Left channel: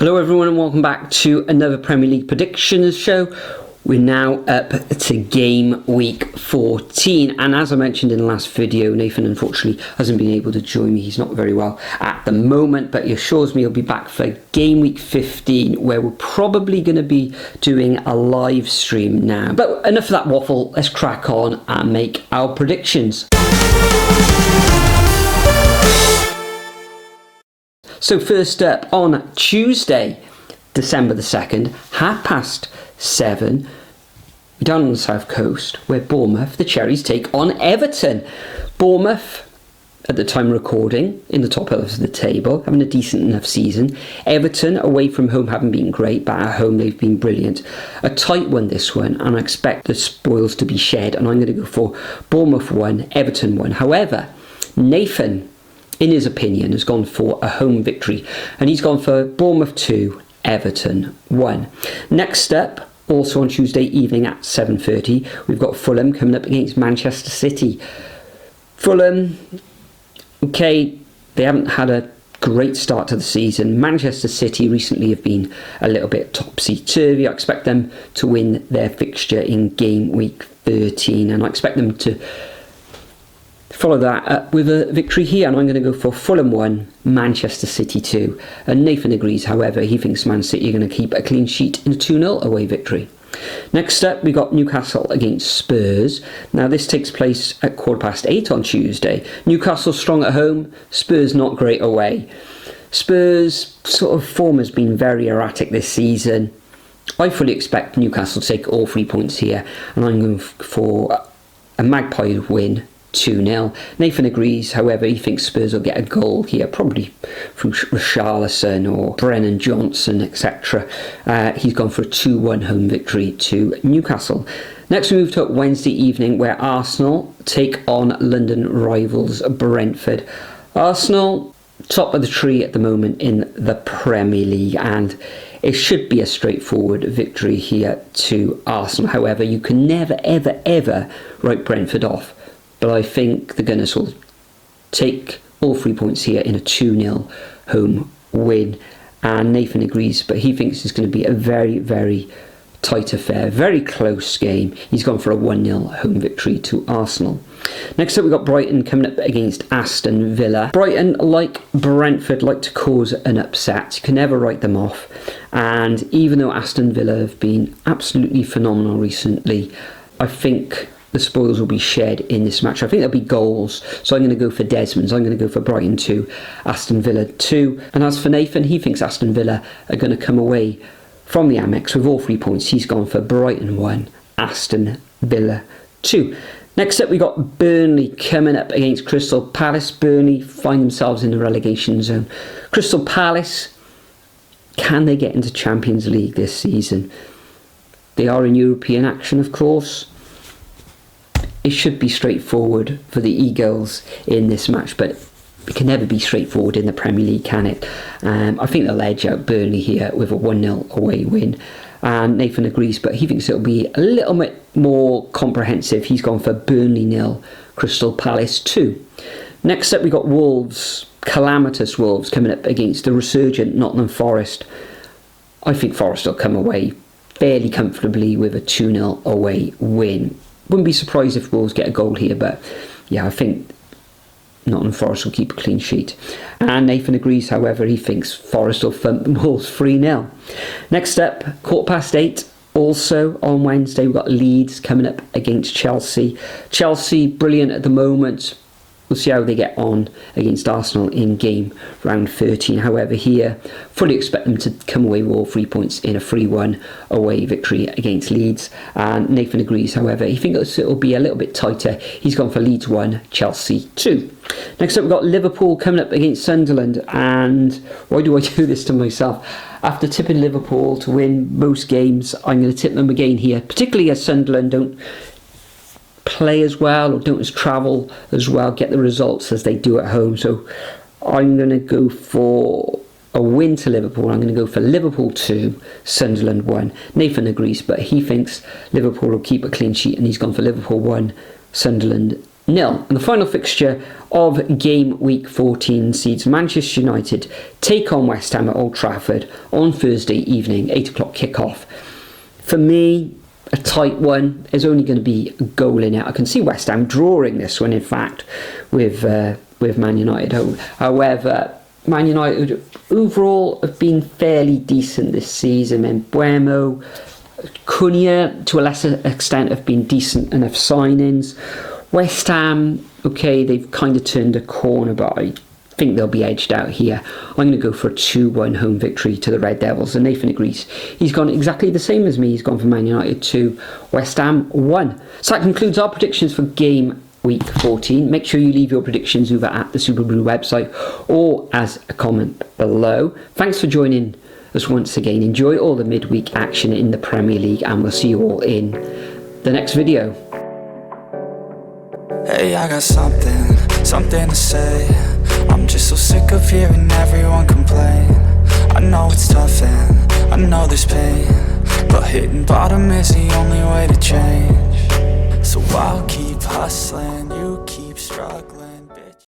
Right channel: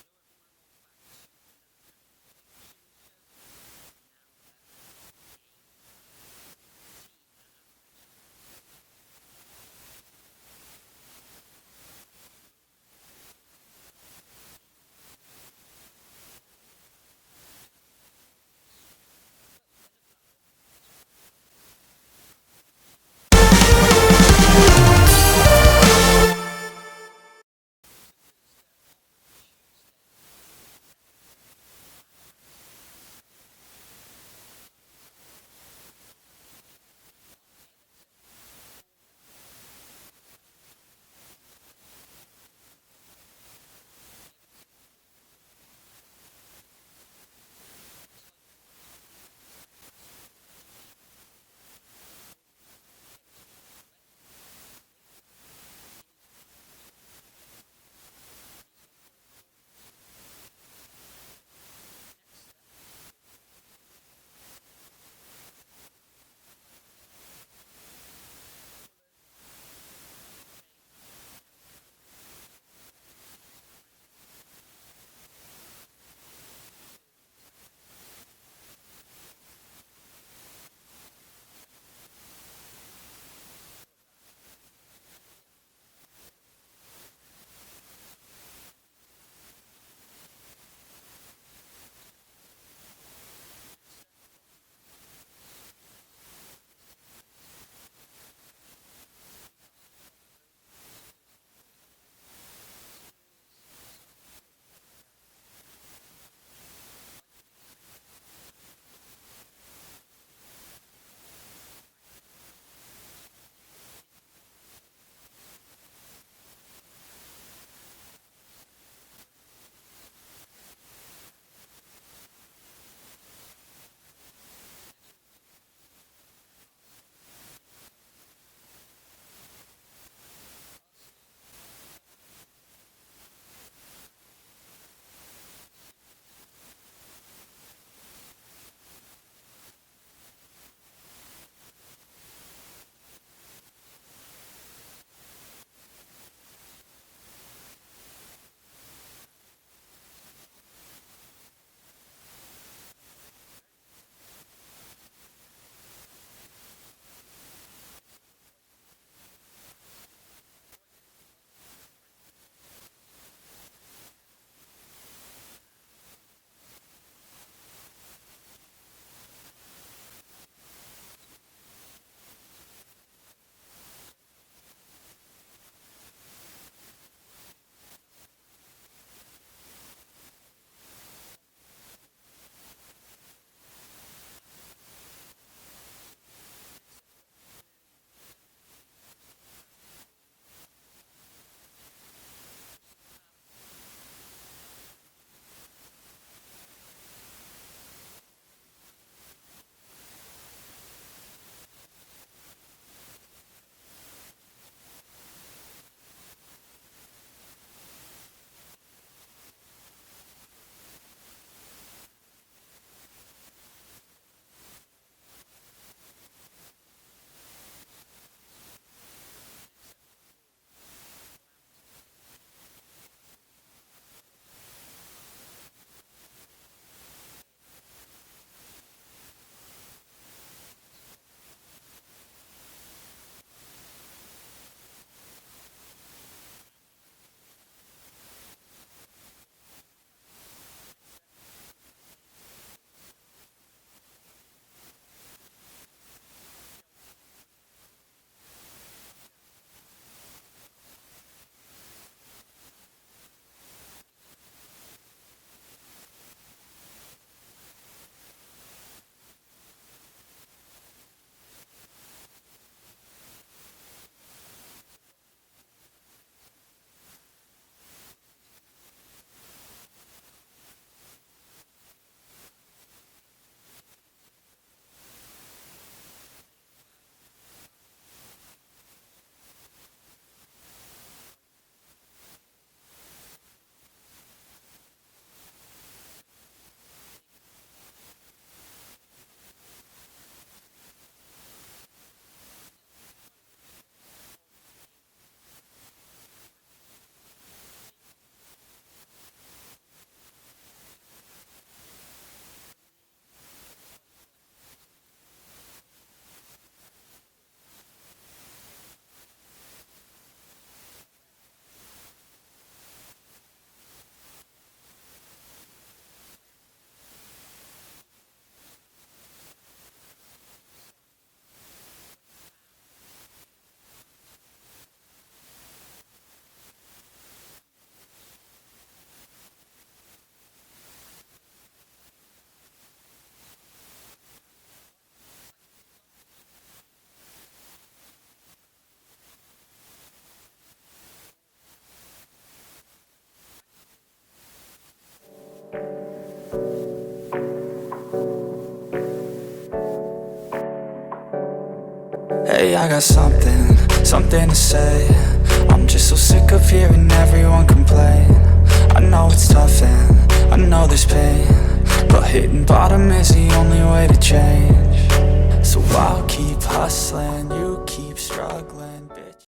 Hello everyone and welcome back to another Premier League predictions show. We're now up to game week 14, and as I mentioned in the last video, Nathan unfortunately hasn't been able to join me. He's not very well at the moment, but he assures me he'll be back for game week 15, where we're probably going to be doing a live stream now. But enough of that waffle, let's crack on and make our predictions. So first up, on Tuesday, December the 2nd, 7:30, down on the south coast, where Bournemouth, the Cherries, take on Everton. Bournemouth, at the time of recording, in the top half of the table, having a decent enough season. Everton, away from home, haven't been great, but at home they've been brilliant. A tight one, this one, and I expect the spoils to be shared, and I'm going to go for Bournemouth 1, Everton 1. However, Nathan, in his opinion, has gone for a home victory, and he's gone for Bournemouth 2, Everton 1. Next up, also on Tuesday evening at 7:30, we've got Fulham coming up against Manchester City. Fulham, okay, they haven't had a great start to the season. Manchester City recently have been a little bit topsy-turvy. I expect them to win their fixture in game week 13, and I expect them to follow that up with a victory here, and I'm going to go for Fulham 1, Manchester City 2. And Nathan agrees, however, he thinks Man City are going to keep a clean sheet in a 2-0 away victory. Next up, we got Newcastle against Spurs. Now this takes place at 8:15 on Tuesday. Newcastle strong at home, Spurs not great away. Spurs' sort of form has been very erratic this season. I fully expect Newcastle to take all 3 points here, and I'm going for a Magpie win, 2-0. Nathan agrees, however, he thinks Spurs will get a goal here, probably from Richarlison or Brennan Johnson, etc. He's gone for a 2-1 home victory to Newcastle. Next we move to Wednesday evening, where Arsenal take on London rivals Brentford. Arsenal, top of the tree at the moment in the Premier League, and it should be a straightforward victory here to Arsenal. However, you can never, ever, ever write Brentford off. But I think they're going to sort of take all 3 points here in a 2-0 home win. And Nathan agrees, but he thinks it's going to be a very, very tight affair, very close game. He's gone for a 1-0 home victory to Arsenal. Next up, we've got Brighton coming up against Aston Villa. Brighton, like Brentford, like to cause an upset. You can never write them off. And even though Aston Villa have been absolutely phenomenal recently, I think the spoils will be shared in this match. I think there'll be goals, so I'm going to go for Desmond's. I'm going to go for Brighton 2, Aston Villa 2. And as for Nathan, he thinks Aston Villa are going to come away from the Amex with all 3 points. He's gone for Brighton 1, Aston Villa 2. Next up, we got Burnley coming up against Crystal Palace. Burnley find themselves in the relegation zone. Crystal Palace, can they get into Champions League this season? They are in European action, of course. It should be straightforward for the Eagles in this match, but it can never be straightforward in the Premier League, can it? I think they'll edge out Burnley here with a 1-0 away win. And Nathan agrees, but he thinks it'll be a little bit more comprehensive. He's gone for Burnley 0, Crystal Palace 2. Next up, we got Wolves, calamitous Wolves, coming up against the resurgent Nottingham Forest. I think Forest will come away fairly comfortably with a 2-0 away win. Wouldn't be surprised if Wolves get a goal here, but yeah, I think Nottingham Forest will keep a clean sheet. And Nathan agrees, however, he thinks Forest will thump Wolves 3-0. Next up, 8:15, also on Wednesday, we've got Leeds coming up against Chelsea. Chelsea, brilliant at the moment. We'll see how they get on against Arsenal in game round 13. However, here, fully expect them to come away with all 3 points in a 3-1 away victory against Leeds. And Nathan agrees, however, he thinks it'll be a little bit tighter. He's gone for Leeds 1, Chelsea 2. Next up, we've got Liverpool coming up against Sunderland. And why do I do this to myself? After tipping Liverpool to win most games, I'm going to tip them again here, particularly as Sunderland don't play as well or don't travel as well, get the results as they do at home. So I'm going to go for a win to Liverpool. I'm going to go for Liverpool 2, Sunderland 1. Nathan agrees, but he thinks Liverpool will keep a clean sheet, and he's gone for Liverpool 1, Sunderland 0. And the final fixture of game week 14 sees Manchester United take on West Ham at Old Trafford on Thursday evening, 8 o'clock kickoff. For me, a tight one. There's only going to be a goal in it. I can see West Ham drawing this one, in fact, with Man United. However, Man United overall have been fairly decent this season. And Buemo, Cunha, to a lesser extent, have been decent enough signings. West Ham, okay, they've kind of turned a corner, but I think they'll be edged out here. I'm going to go for a 2-1 home victory to the Red Devils. And Nathan agrees. He's gone exactly the same as me. He's gone for Man United 2, West Ham 1. So that concludes our predictions for game week 14. Make sure you leave your predictions over at the Superbru website or as a comment below. Thanks for joining us once again. Enjoy all the midweek action in the Premier League, and we'll see you all in the next video. Hey, I got something to say. I'm just so sick of hearing everyone complain. I know it's tough and I know there's pain, but hitting bottom is the only way to change. So I'll keep hustling, you keep struggling.